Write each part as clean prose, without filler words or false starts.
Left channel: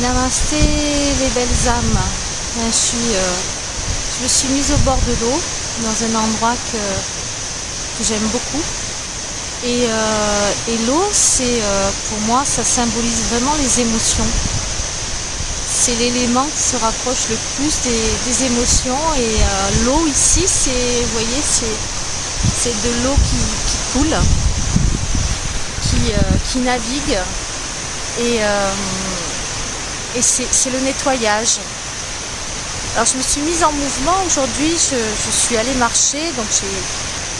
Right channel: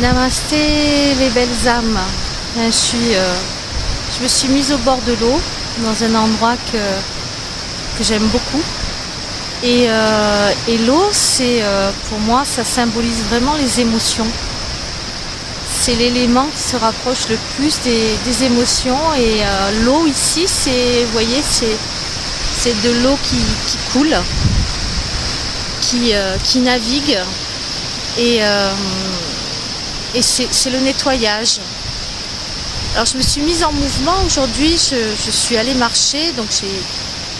Namasté les belles âmes. Je me suis mise au bord de l'eau, dans un endroit que j'aime beaucoup. Et l'eau, pour moi, ça symbolise vraiment les émotions. C'est l'élément qui se rapproche le plus des émotions. Et l'eau ici, vous voyez, c'est de l'eau qui coule, qui navigue. Et c'est le nettoyage. Alors je me suis mise en mouvement aujourd'hui, je suis allée marcher, donc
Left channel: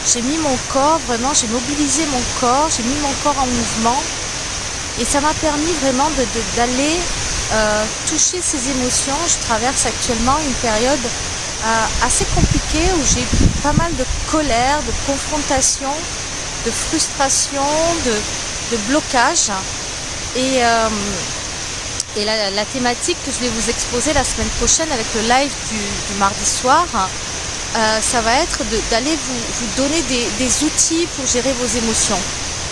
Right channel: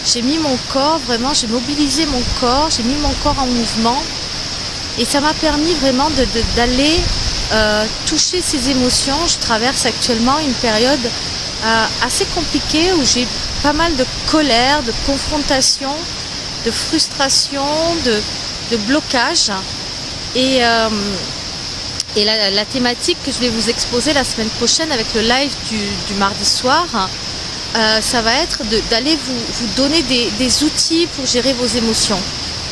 j'ai mis mon corps, vraiment j'ai mobilisé mon corps, j'ai mis mon corps en mouvement et ça m'a permis vraiment d'aller toucher ces émotions. Je traverse actuellement une période assez compliquée où j'ai pas mal de colère, de confrontation, de frustration, de blocage. Et la thématique que je vais vous exposer la semaine prochaine avec le live du mardi soir, ça va être d'aller vous donner des outils pour gérer vos émotions.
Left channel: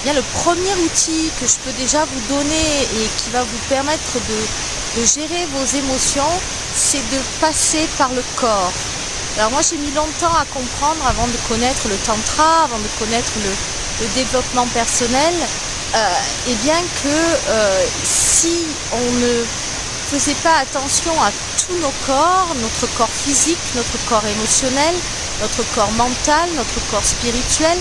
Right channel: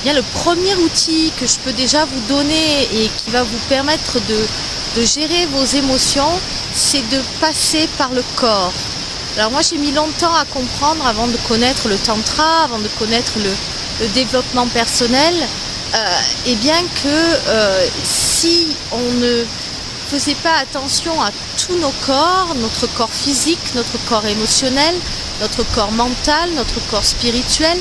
Bien, le premier outil que je peux déjà vous donner et qui va vous permettre de gérer vos émotions, c'est de passer par le corps. Alors moi j'ai mis longtemps à comprendre avant de connaître le tantra, avant de connaître le développement personnel. Et bien que si on ne faisait pas attention à tous nos corps, notre corps physique, notre corps émotionnel, notre corps mental, notre corps spirituel,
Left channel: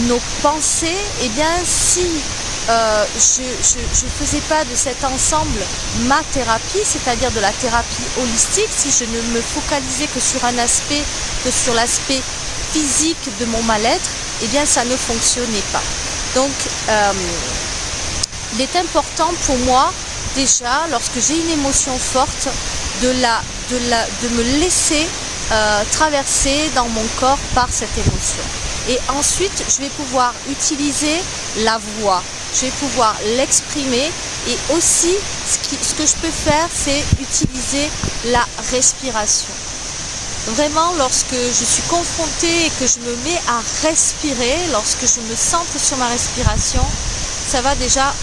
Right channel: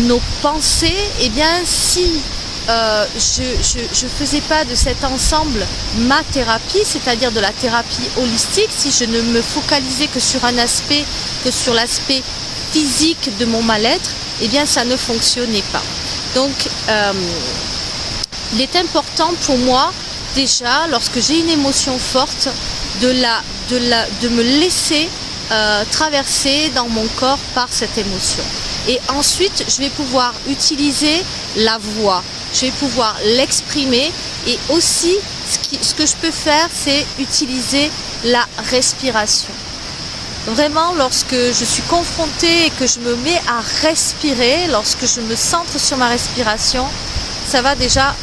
nos pensées, et bien si je faisais pas de cet ensemble ma thérapie, c'est-à-dire de la thérapie holistique, si je ne me focalisais que sur un aspect, que sur l'aspect physique de mon mal-être, et bien ça ne fonctionnait pas. Donc, il est important pour moi, déjà, lorsque j'ai une émotion forte, de me laisser traverser dans mon corps par cette émotion. Et ensuite, je vais pouvoir utiliser la voix, je vais pouvoir l'exprimer et aussi, ce que je peux faire, c'est utiliser la respiration. Vraiment, lorsque je suis confrontée et que je me mets à respirer, lorsque je me centre sur ma respiration, ça va déjà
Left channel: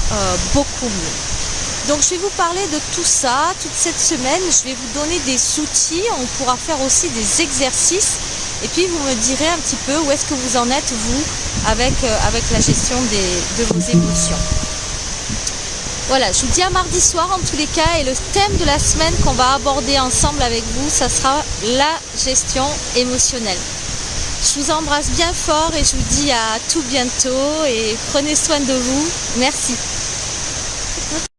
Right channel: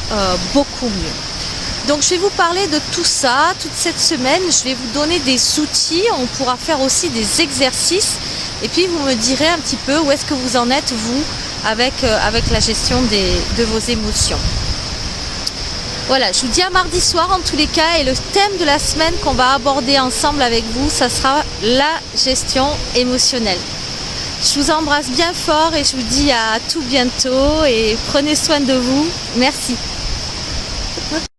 beaucoup mieux. Donc je vais vous parler de tout ça toute cette semaine. Je vais vous donner des outils, on pourra faire aussi des exercices et puis vous me direz un petit peu où est-ce que vous en êtes vous avec la gestion de vos émotions. Voilà, je vous dis à mardi soir en tous les cas et le thème de la semaine qu'on va aborder ensemble avec vous, ça sera la gestion émotionnelle. Je vous embrasse bien fort et je vous dis à tout bientôt et prenez soin de vous. Merci.